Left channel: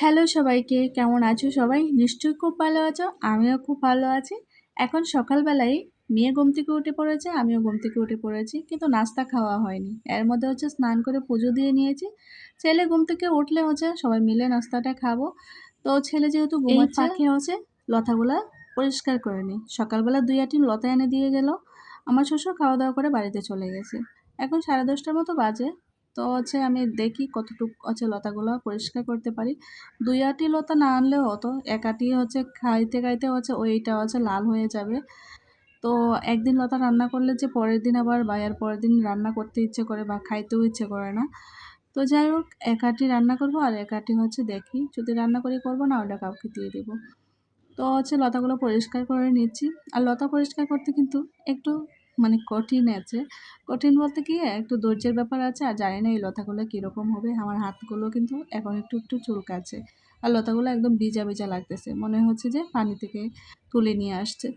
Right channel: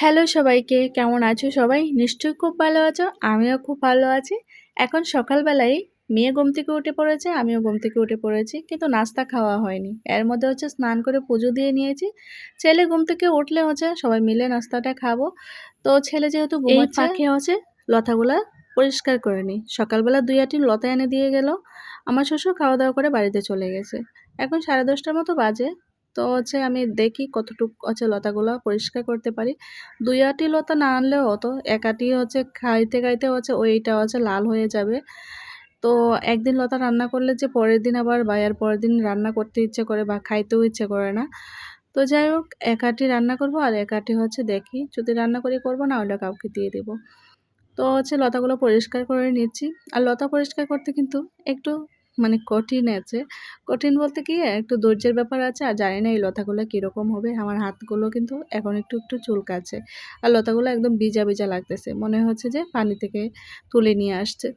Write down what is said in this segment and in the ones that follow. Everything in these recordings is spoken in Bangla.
হ্যালো সবাইকে কেমন আছো সবাই? নিশ্চয়ই খুব ভালো আছো আমিও খুব ভালো আছি। এখন সকালবেলায় মেয়ে ঘুম থেকে উঠে পড়েছে আমিও ঘুম থেকে উঠে পড়েছি কিন্তু নাস্তা খাওয়া হয়নি। এর মধ্যে হচ্ছে স্নান করে পুজো দিয়ে নিয়েছি। ছেলে ঘুম থেকে উঠলে হচ্ছে সবাই মিলে নাস্তাটা খাব। তো ছেলে যেহেতু ঘুমাচ্ছে ফাঁকে হচ্ছে লতাগুলা পরিষ্কার করে নিই সকালবেলা দুই আটি লতা এনে দিয়ে গেল। আমার শ্বশুর খাওয়া দাওয়া করে বাড়িতে চলে গেছে। এখন সাড়ে দশটার মতো বাজে। তো হচ্ছে আমি দেখি কতটুকু হচ্ছে লতাগুলো পরিষ্কার করতে পারি। দুই আটি লতা না আনলেও হতো, এক আটি হচ্ছে খাইতে খাইতে হচ্ছে ওইটা হচ্ছে লাল হয়ে যাবে। তো একদিন লতা রান্না করলে যে পরের দিন আবার বা এর পরের দিন রান্না করতে ইচ্ছে করে বা খাইতেও ইচ্ছে করে না। তো যাই হোক, এক আটি রান্না করব আর এক আটি হচ্ছে দেখি। যদি রান্না করে করব না ওটা কাউকে দিয়ে দেবো। তো হচ্ছে লতাগুলো পরিষ্কার করে নিচ্ছি। আর লতা পরিষ্কার করতে কিন্তু একটু মানে কঠিন আছে। কঠিন বলতে কি, একটু ধৈর্যের ব্যাপার আছে, আর জানি না এই লতাগুলো কীরকম হবে। আমার হাতগুলো কিন্তু এখন একটু একটু চুলকাচ্ছে। আর লতাগুলো একদম ভিজা ভিজা লাগতেছে। মনে হচ্ছে যে পানি থেকে তুলে নিয়ে আসছে।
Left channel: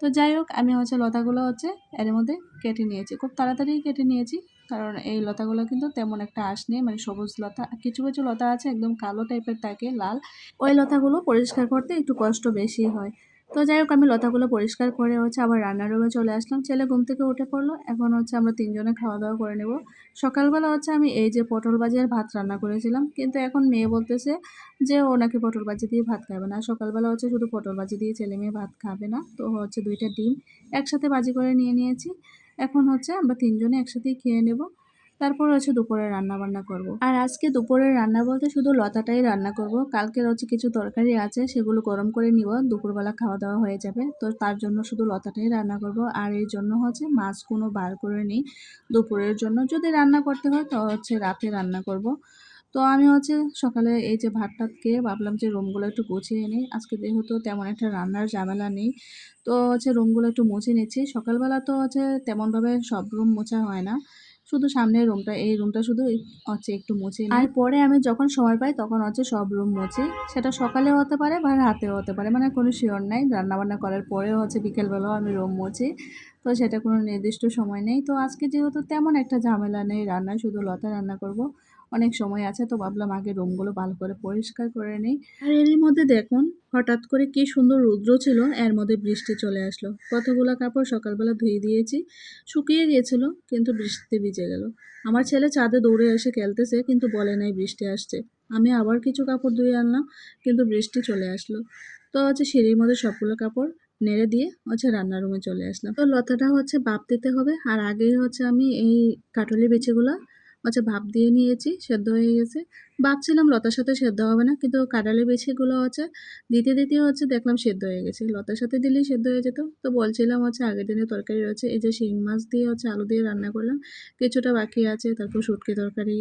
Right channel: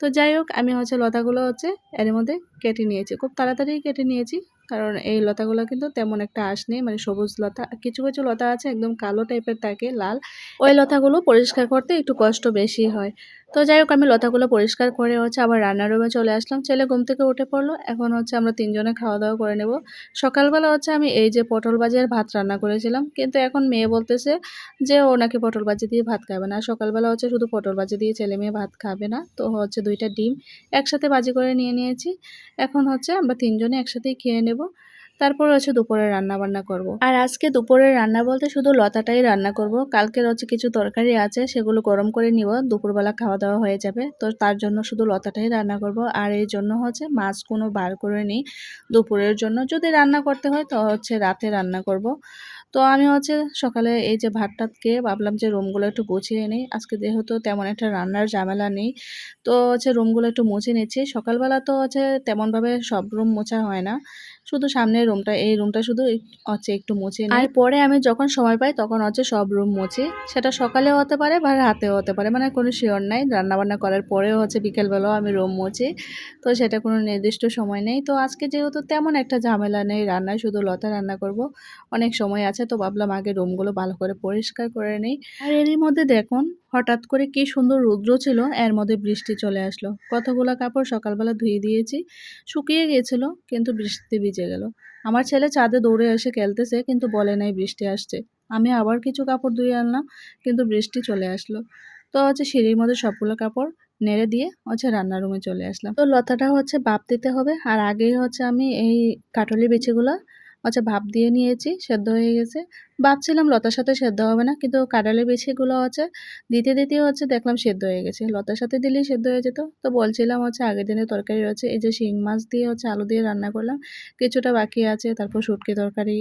তো যাই হোক, আমি হচ্ছে লতাগুলো হচ্ছে এর মধ্যে কেটে নিয়েছি। খুব তাড়াতাড়ি কেটে নিয়েছি, কারণ এই লতাগুলো কিন্তু তেমন একটা আশ নেই মানে সবুজ লতা। কিছু কিছু লতা আছে একদম কালো টাইপের থাকে, লাল। ওই লতাগুলো পরিষ্কার করতে একটু কষ্ট বেশি হয়। তো যাই হোক, আমি লতাগুলো পরিষ্কার করে হচ্ছে আবার রান্নার রুমে চলে আসলাম। ছেলে ঘুম থেকে উঠে পড়ল। এখন হচ্ছে আমরা তিনজনে খাওয়া দাওয়া করে নেব। সকালবেলা হচ্ছে আমি এই যে পটল ভাজির ভাত রান্না করেছিলাম। কিন্তু এখন মেয়ে বলতেছে যে ও নাকি পটল বাজি দিয়ে ভাত খাবে না। সকালবেলা হচ্ছে শুধু পটল ভাজি দিয়ে ছেলে মেয়ে ভাত খাবে না। তো হচ্ছে দুইটা ডিম একসাথে বাজি করে নিয়ে নিয়েছি। এখন হচ্ছে আমরা তিনজনে একসাথেই খেয়ে নেব। তারপর হচ্ছে দুপুরে রান্না বান্না করব। আর আজকে দুপুরের রান্না বলতে শুধু লতাটাই রান্না করব। কালকের হচ্ছে কিছু তরকারি আছে, সেগুলো গরম করে নিব। দুপুরবেলা খাওয়া দাওয়া হয়ে যাবে, তো তার জন্য শুধু লতাটাই রান্না করব। আর এই জন্য হচ্ছে মাছ কোনো বার করে নিই দুপুরের জন্য। যদি রান্না করতে হয়, তো হচ্ছে রাতে রান্না করব। তো আমি হচ্ছে সকালে এই যে ভাত টাত খেয়ে ভাবলাম যে রুমগুলো একটু গুছিয়ে নিই। আজকে যেহেতু তেমন একটা রান্নার ঝামেলা নেই, তো হচ্ছে রুমগুলো একটু মুছে নিচ্ছি। সকালবেলা তো হচ্ছে তেমনভাবে সব রুম মোছা হয় না। শুধু সামনের রুমটা এই রুমটা শুধু হচ্ছে একটু মুছে আর পরে আমি যখন সময় পাই, তখন হচ্ছে সব রুম মুছি। সেটা সকালেও হতে পারে বা রাতেও হতে পারে মানে কোনো শিওর নাই। রান্নাবান্না করার পরেও হচ্ছে বিকেলবেলাও আমি রুম মুছি। তো সেটা কোনো নির্দিষ্ট সময় নেই। তো আজকে যেহেতু তেমন একটা ঝামেলা নেই রান্নায়, শুধু লতা রান্না করব। অনেক সময় আছে, তো ভাবলাম আগে রুমগুলো ভালো করে পরিষ্কার করে নেই। আর এরই মধ্যে দেখুন হঠাৎ করে কি সুন্দর রৌদ্র ছিল? এর মধ্যে বৃষ্টি চলে আসলো। কতগুলো কাপড় সকালবেলা ধুয়ে দিয়েছি, শুকিয়ে গিয়েছিল, কিন্তু বৃষ্টিতে ভিজে গেল। আমার ছেলে চাঁদে দৌড়ে এসে খেলতেছে, কিন্তু বলে নাই বৃষ্টি আসছে। আমি আবার কিছু কাপড় ধুয়ে আনলাম, কিন্তু বৃষ্টি চলে আসলো। তো হচ্ছে সিঁড়ির মধ্যে সবগুলো কাপড় নেড়ে দিয়ে হচ্ছে রান্নার রুমে চলে আসলাম। তো লতাটা হচ্ছে বাপ দিতে হবে, আর আগেই হচ্ছে আমি এই কাটলি বিচিগুলো আচ্ছা ভাপ দিয়ে নিয়েছি, সেদ্ধ হয়ে গেছে। ভাবছিলাম লতার সাথে সেদ্ধ হবে না, কিন্তু কাঁঠালের বেশিগুলো হচ্ছে, দিতে দিতে হচ্ছে দেখলাম সেদ্ধ হয়ে গেছে। লতার সাথে দিলেই সেদ্ধ হয়ে যেত। তো বলছিলাম হচ্ছে আগের দিনের তরকারি রয়েছে, এই যে শিং মাছ দিয়ে হচ্ছে আলু দিয়ে রান্না করলাম। কিছুটা বাকি আছে, তারপর শুটকি তরকারি,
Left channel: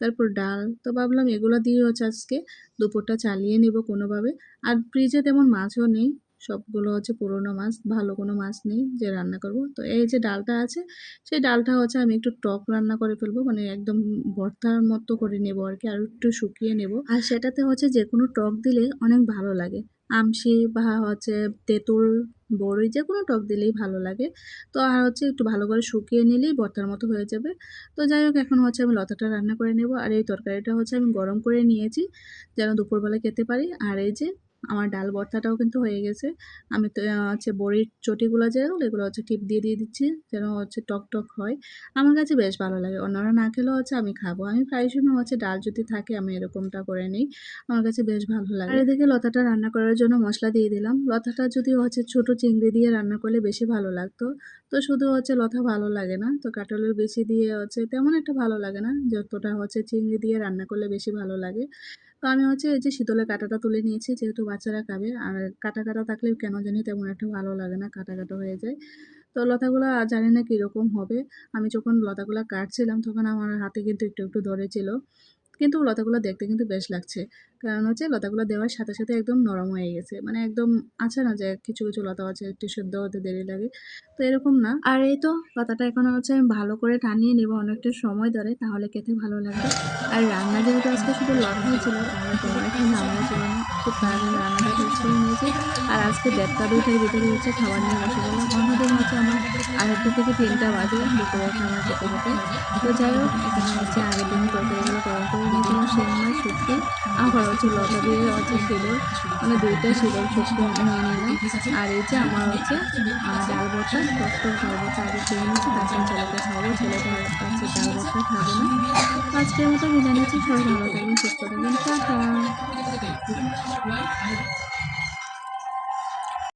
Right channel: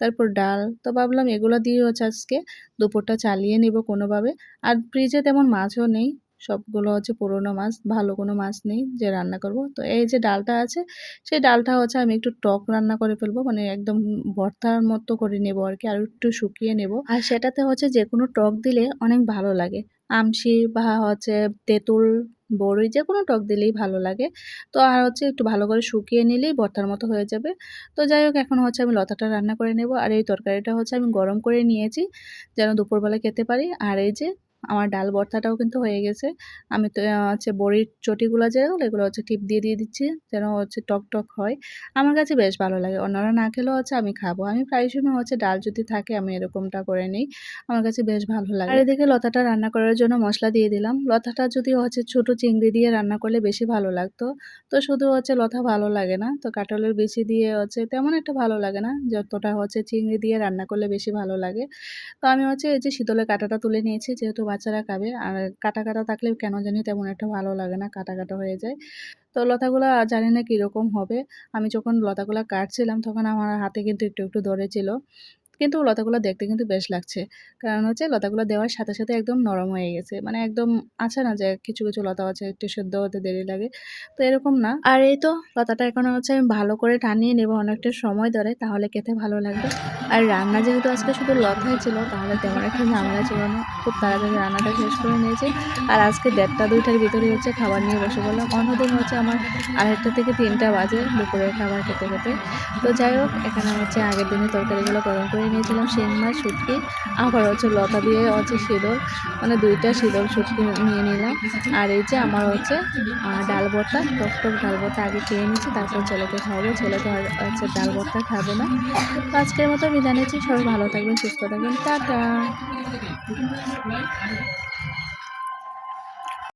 তারপর ডাল। তো ভাবলাম এগুলো দিয়ে হচ্ছে আজকে দুপুরটা চালিয়ে নেব কোনোভাবে। আর ফ্রিজে তেমন মাছও নেই। সবগুলো হচ্ছে পুরোনো মাছ, ভালো কোনো মাছ নেই যে রান্না করব। তো এই যে ডালটা আছে, সেই ডালটা হচ্ছে আমি একটু টক রান্না করে ফেলব মানে একদম ভর্তার মতো করে নেব আর কি, আর একটু শুকিয়ে নেব। আর সেটাতে হচ্ছে যে কোনো টক দিলে অনেক ভালো লাগে। আমশি বা হচ্ছে তেঁতুল, বড়ই যে কোনো টক দিলেই ভালো লাগে। তো আর হচ্ছে একটু ভালো করে শুকিয়ে নিলেই ভর্তার মতো হয়ে যাবে। তো যাই হোক, এখন হচ্ছে আমি লতাটা রান্না করে নেব। আর এই তরকারিটা হচ্ছে আমি গরম করে নিয়েছি, যেন দুপুরবেলা খেতে পারি। আর এই যে আমার ডাল ভর্তাটাও কিন্তু হয়ে গেছে। আমি তো হচ্ছে বড়ির চটিগুলো যেগুলো এগুলো হচ্ছে টিপ দিয়ে দিয়ে দিচ্ছি যেন হচ্ছে টক টক হয়। আমার কাছে বেশ ভালো লাগে। অন্যরা না খেলেও হচ্ছে আমি খাব। আমি প্রায় সময় হচ্ছে ডাল যদি থাকে আমি এরকমটা করে নিই। আমার কাছে বেশ ভালো লাগে। আর এদিকে লতাটা রান্না করার জন্য মশলা দিয়ে দিলাম। লতাটা যদি হচ্ছে ছোট চিংড়ি দিয়ে রান্না করলে বেশি ভালো লাগতো। তো শুধু হচ্ছে লতা ভালো লাগে না। তো কাটলের বেশি দিয়ে হচ্ছে তেমন একটা ভালো লাগে না। যতটা হচ্ছে চিংড়ি দিয়ে রান্না করলে বেশি ভালো লাগে। তো আমি হচ্ছে এই যে শীতলের কাটাটা তুলে নিয়েছি, যেহেতু বাচ্চারা খাবে। আর কাটা কাটা থাকলে কেন জানি তেমন একটা ভালো লাগে না, কাটা কাটা হয়ে যায়। তো লতাগুলো জানি না কীরকম হবে। আমি যখন লতাগুলো কাটছিলাম তখন আমার হাতে কিন্তু একটু একটু ধরেছিল। কিন্তু লতাগুলো দেখতে কিন্তু বেশ লাগছে। কারণ হচ্ছে লতাগুলো দেওয়ার সাথে সাথে একদম নরম হয়ে গেছে। মানে একদম আছে না যে কিছু কিছু লতা আছে, একটু সেদ্ধ হতে দেরি লাগে। তো এরকম না। আর এই তো লতাটা এখন হচ্ছে আমি ভালো করে টানিয়ে নেব অনেকটা সময় ধরে, তাহলে খেতে ভালো লাগবে। আর রান্না যেহেতু আজকে শুধু লতাই ছিল, তাহলে তেমন একটা ঝামেলা ছিল না। খুব তাড়াতাড়ি রান্নাটা শেষ করে নিয়েছি। আর আজকে দেড়টা, দুইটার ভিতরে হচ্ছে খাবার নিয়ে বসে বললাম অন্যদিন হচ্ছে আমার আড়াইটা থেকে তিনটা বাজে দুপুরে খাবার খেতে খেতে। তো যাই হোক, এখানে হচ্ছে আগের দিনে তরকারিগুলো গরম করে তরকারি নিয়েছিলাম সেই মাছ শুটকি আবার হচ্ছে লতা দিয়ে হচ্ছে সিঁদুর মানে দুইটা সিঁদুর শুটকি নিয়ে নিলাম আর এই যে আমার হচ্ছে ডাল বটা কত ডাল ভর্তা আগে খেয়ে নিচ্ছি তারপরে ছেলেকে খাব ছেলেকে হচ্ছে ডাল ভর্তা খাবে না। তো আজকের মতো আমি জানিয়েছি, সবাই ভালো থাকবেন, সুস্থ থাকবেন। টাটা।